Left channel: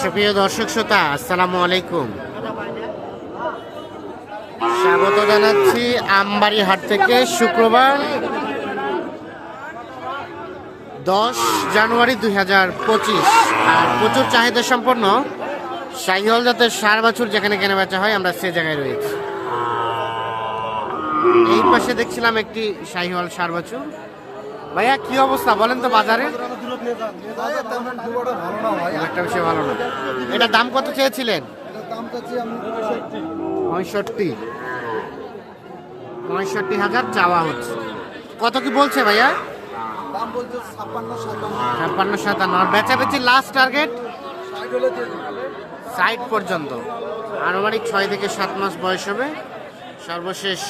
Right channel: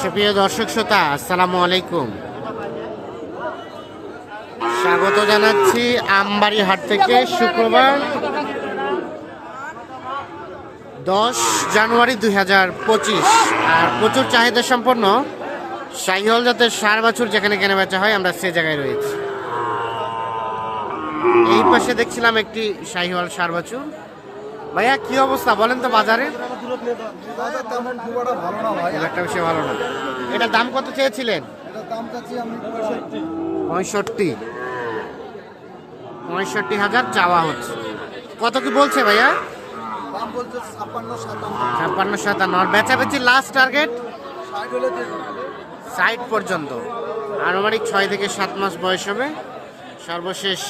সুপ্রিয় দর্শক শ্রোতা, আসসালামু আলাইকুম। স্বাগত জানাচ্ছি আমবাড়ি হাট থেকে শুক্রবার দশ জানুয়ারি দুই হাজার পঁচিশ। আর প্রচুর চাহিদা সম্পন্ন শাহিহল জাতের সার বাছুর যেখানে কেনা বেচা হয়, আমরা সে জায়গায় রয়েছি। এই পাশে দেখছিলাম একটি শাহিওয়াল সার বাছুর। ভাইয়া, কি অবস্থা বলেন তো বাজারে? বাজার তেমন খুব একটা ভালো না ভাই। একটা বেশি ভালো না। এটা দাম কত চেয়েছিলেন? এটার দাম চাচ্ছি আমি পঁয়ষট্টি। পঁয়ষট্টি। পঁয়ষট্টি হাজার চাওয়া হচ্ছে। কত কি বলছে ভাইয়া? দাম বলছে ছাপ্পান্ন সাতান্ন। ছাপ্পান্ন সাতান্ন। আর বেচাবেচি লাস্ট টার্গেট ষাট হলে ষাট পর্যন্ত। আনুমানিক ছয় থেকে সাত মাস বয়স হবে। সর্বশেষ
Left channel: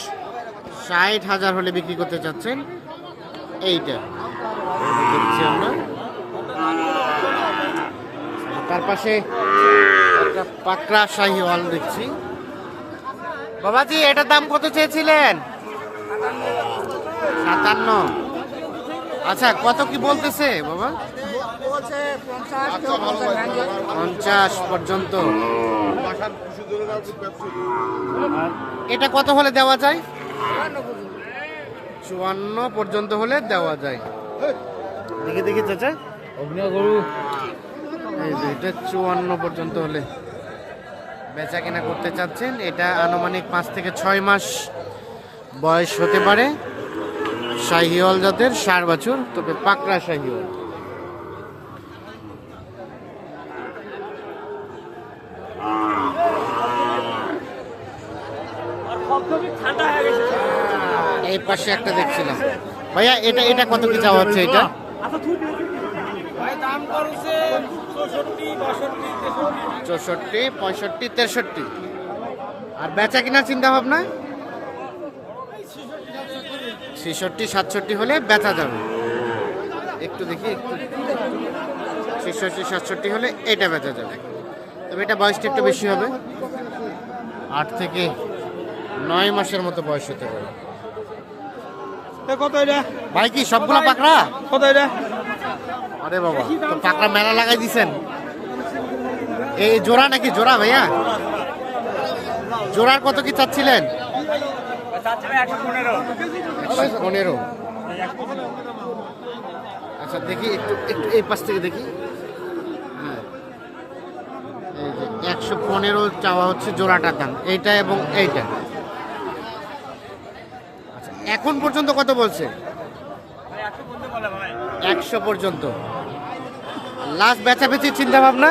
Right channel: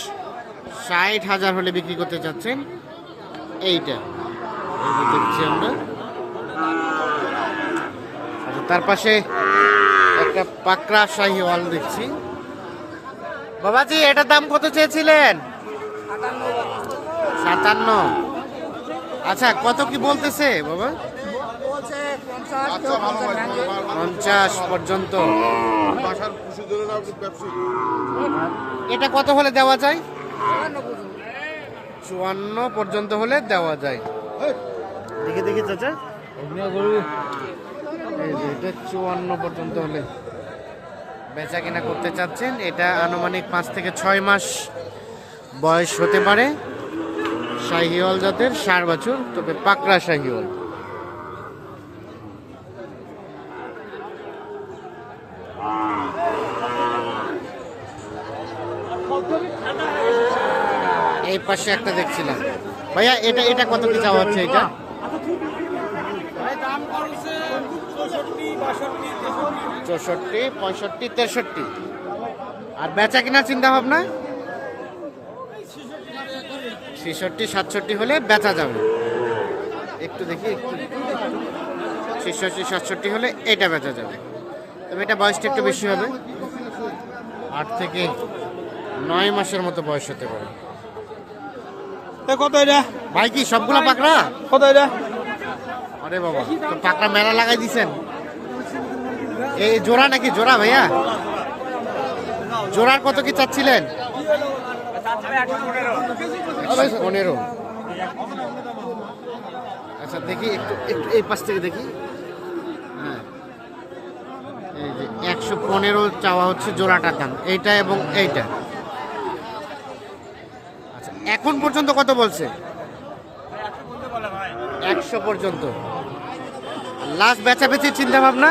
ষাট হাজার হলে বিক্রি করতে চাচ্ছেন এইটা। এই দেখছি আমরা। তার পাশে একটা পাকড়া শাহি হল দেখছি। বাবাজি এটার দাম কত চেয়েছিলেন? সাতান্ন। আচ্ছা কত কি বলতেছে বাবা? পঞ্চাশ পঞ্চাশ পর্যন্ত। এটা কত হলে দেওয়া যায়? চুয়ান্ন পর্যন্ত। হলে দেওয়া যায়। দেখে দেখি চাচা। এটা চুয়ান্ন পর্যন্ত হলে বেচা কেনা করতে চাচ্ছেন। এটা আনুমানিক পাঁচ থেকে ছয় মাস বয়স হতে পারে। শাহিওয়াল জাতের সার বাছুর, তবে পাকড়া শাহিওয়াল। এই পাশে একটা দেখছিলাম। ভাইয়া, এটা এটা কত কি চাওয়া হচ্ছে এটা? চৌষট্টি পঁয়ষট্টি তেষট্টি। আর বেচা কেনার চিন্তা ভাবনা ছেষট্টি সাতষট্টি হলে বেচা যাবে। একটু দেখি একটু ছেষট্টি সাতষট্টি হলে এটা বেচা যাবে। তবে এটা বয়সটা একটু বেশি হবে। আট থেকে নয় মাসের মতো বয়স হতে পারে। ভাই কি সবগুলা পাকড়া? এটা? আরে বাবা, তো পাকড়া মেলা লাগাই দিছেন। এই জোড়া নাকি জোড়া ভাইয়া? জোড়ার কত কি চাচ্ছিলেন? পনেরো। আচ্ছা দেখি একটু একটু এই পাশ থেকে দেখি। হ্যাঁ। এই যে একশো পনেরো চাওয়া হচ্ছে জোড়াটার দাম, এইটা এবং এইটা। আচ্ছা এখন পর্যন্ত কত বলছে? একশো পর্যন্ত। লাস্ট বেচাবেচির চিন্তা ভাবনা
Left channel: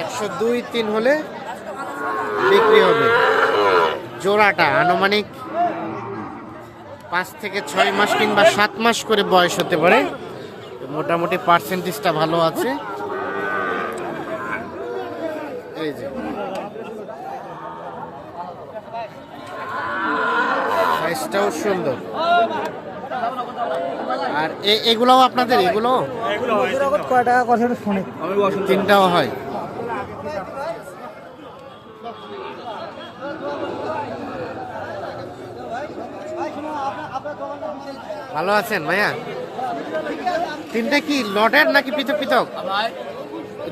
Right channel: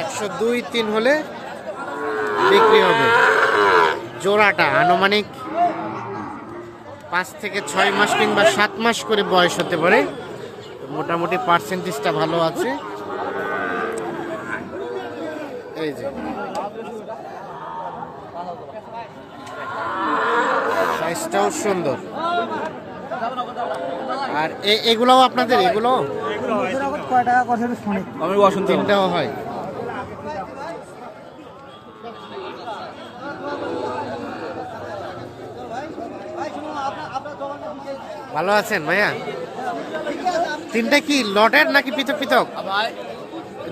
একশো দুই তিন হলে বিক্রি হবে। জোড়াটা আনুমানিক পাঁচ থেকে ছয় মাস কিংবা সাত মাস করে বয়স হতে পারে। মোটামুটি পার্সেন্টেজটা ভালো আছে। এই যে। সাইজটাও সুন্দর। আর এগুলোও আপনাদের? এগুলো? তিনটাও হয়। ভালো আছেন ভাইয়া? তিনটা কি লটের নাকি পৃথক পৃথক?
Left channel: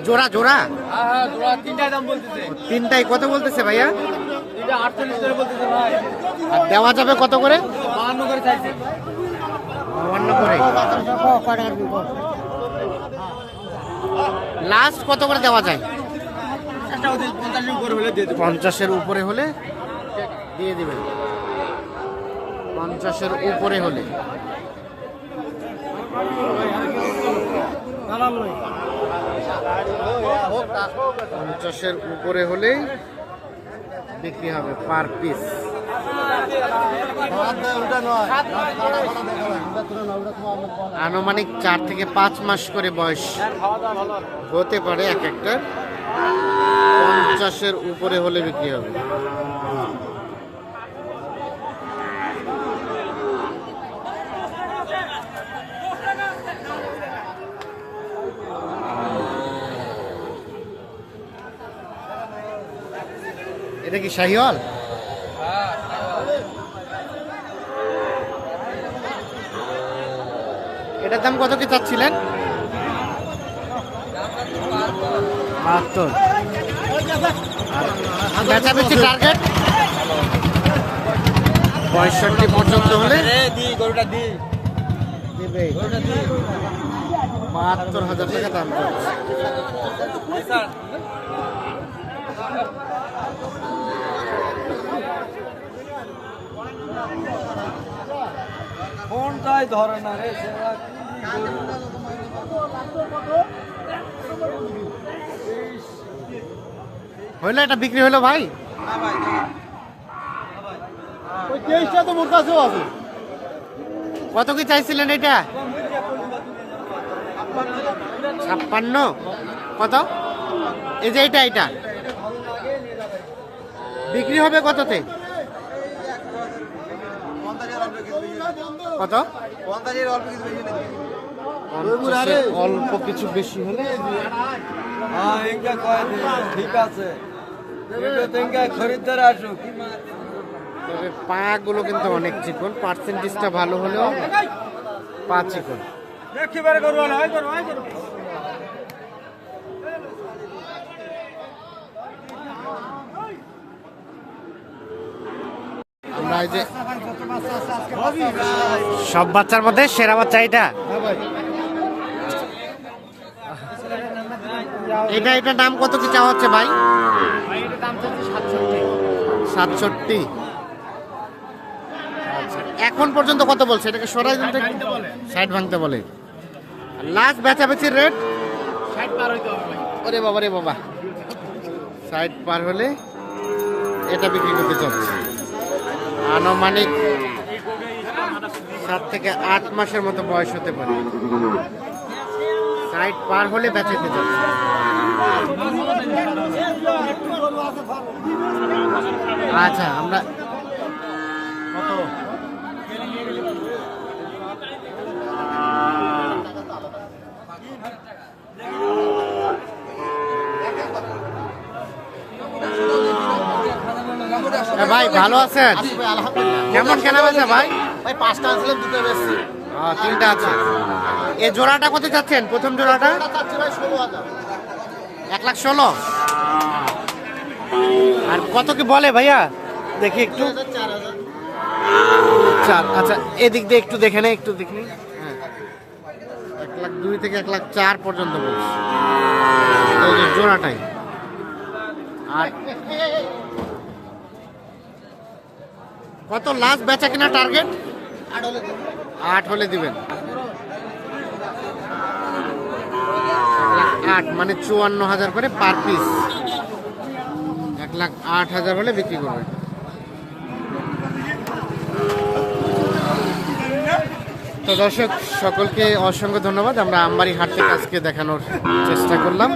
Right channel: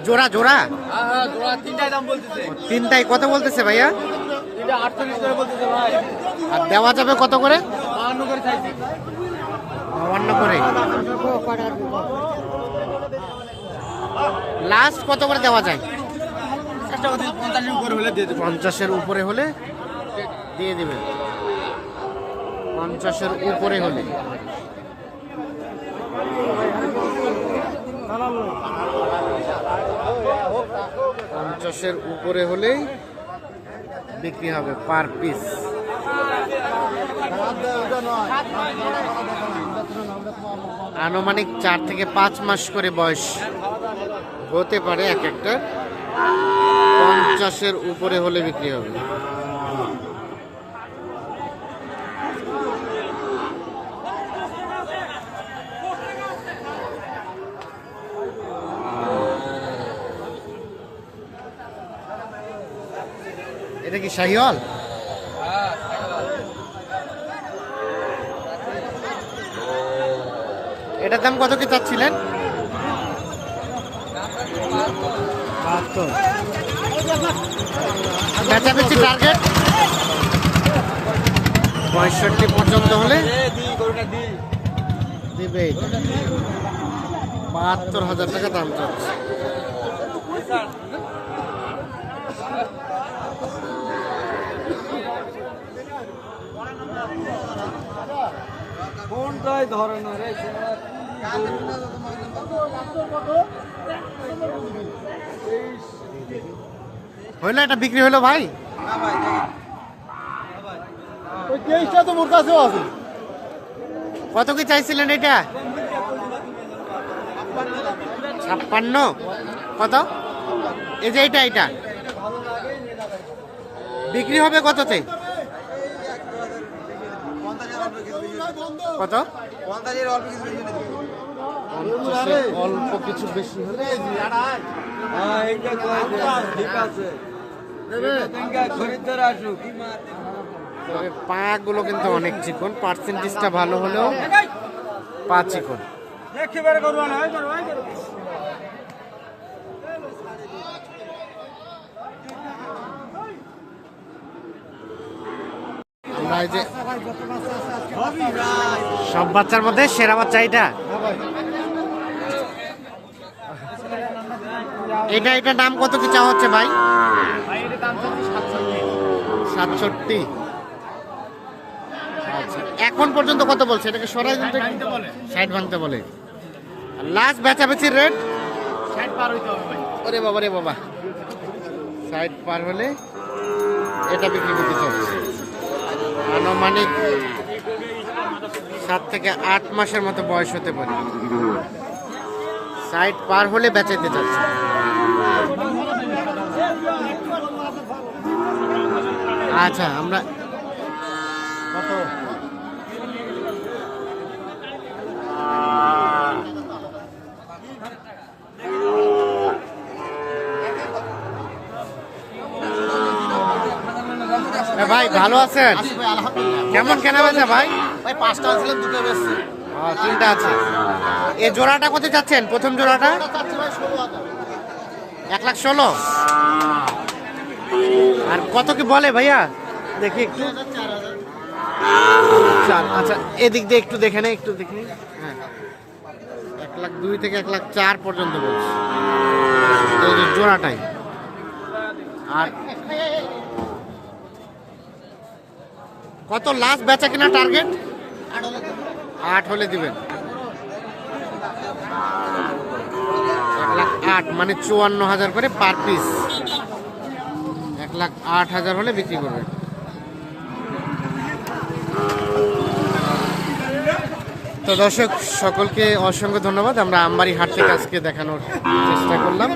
জোড়া জোড়া? বলতেছে। ও, তিনটাই কত বলতেছে ভাইয়া? আর দেওয়া যাবে কত করে? বাউান্ন করে। লাস্ট কত করে দেওয়া যায়? হলে পঞ্চাশের উপরে হলে দিয়ে দিবেন। পঞ্চাশের উপরে হলে। পঞ্চাশের উপরে হলেই বিক্রি হবে পার পিস আনুমানিক চার থেকে পাঁচ মাস করে বয়স হতে পারে এক একটা। পঞ্চাশের উপরে হলে বিক্রি হবে। এটা কি শাহিওয়াল? এটার দাম কত কি চাচ্ছিলেন? বাহাত্তর। বেচা বেচি টার্গেট পঁয়ষট্টি পর্যন্ত হলে? দেবে। বাহাত্তর হাজার টাকা দাম চলছে। কোনটাই ধরে না রে হইল এটা বিক্রি হলো ভাই? কত কি চাইছিলেন এটা? ছাপ্পান্ন? কত? এই যে এটা এটা বিক্রি হবে কততে? কত? পঞ্চাশের অল্প কিছু বেশি নেই অল্প কিছু বেশি হলে হ্যাঁ কয় ঠিক আছে। তবে পাগুলো কিন্তু অনেক চিকন পার্সেন্টেজটা ভালো হলেও পা চিকন। দেখি বের করব না ওই করো ওই করো আমরা এই যে সব বাচ্চার মধ্যে সেরা বাচ্চা এটা। এটা এটা দাম কত কি চাওয়া হচ্ছে ভাই? সাতষট্টি। আচ্ছা এখন পর্যন্ত কত বলছে? এটাকে সরাই সাইড ভাঙতে বলে। লাস্ট বেচাবেচির রেট ওরে বাবা রে বাবা। সাইড পার হলে এটা বিক্রি করতে চাচ্ছে আনুমানিক সাত থেকে আট মাসের মতো বয়স হতে পারে। সাইড পার হলে বেচাইতে চাচ্ছে। আচ্ছা আমরা ভাই ভালো আছেন? কেমন কেনা বেচা ভাই? ভাই পাঁচটা আনছিলাম দুটো বেশি তিনটা আছে। এ জোড়াটা কত চাচ্ছেন প্রথম জোড়াটা? এক লাখ ষোলো? আর কত কি বলে ভাইয়া? দেখি একটু। চার আচ্ছা এদিক দিয়ে একটু দেখে নেই একটু দেখে হ্যাঁ। এক লাখ দুই থেকে এক লাখ চার পর্যন্ত বলছি। এই যে জোড়াটাই। আর কত লাস্ট বেচা কিনা টার্গেট আট হলে দিবেন। এক লাখ আট মানে চুয়ান্ন হাজার করে পার পিস এক লাখ আট হাজার হলে বিক্রি করবেন। তো দর্শক, সকলকে অসংখ্য ধন্যবাদ। আমরা আমবাড়ি হাট থেকে আজকে দেখানোর চেষ্টা করলাম।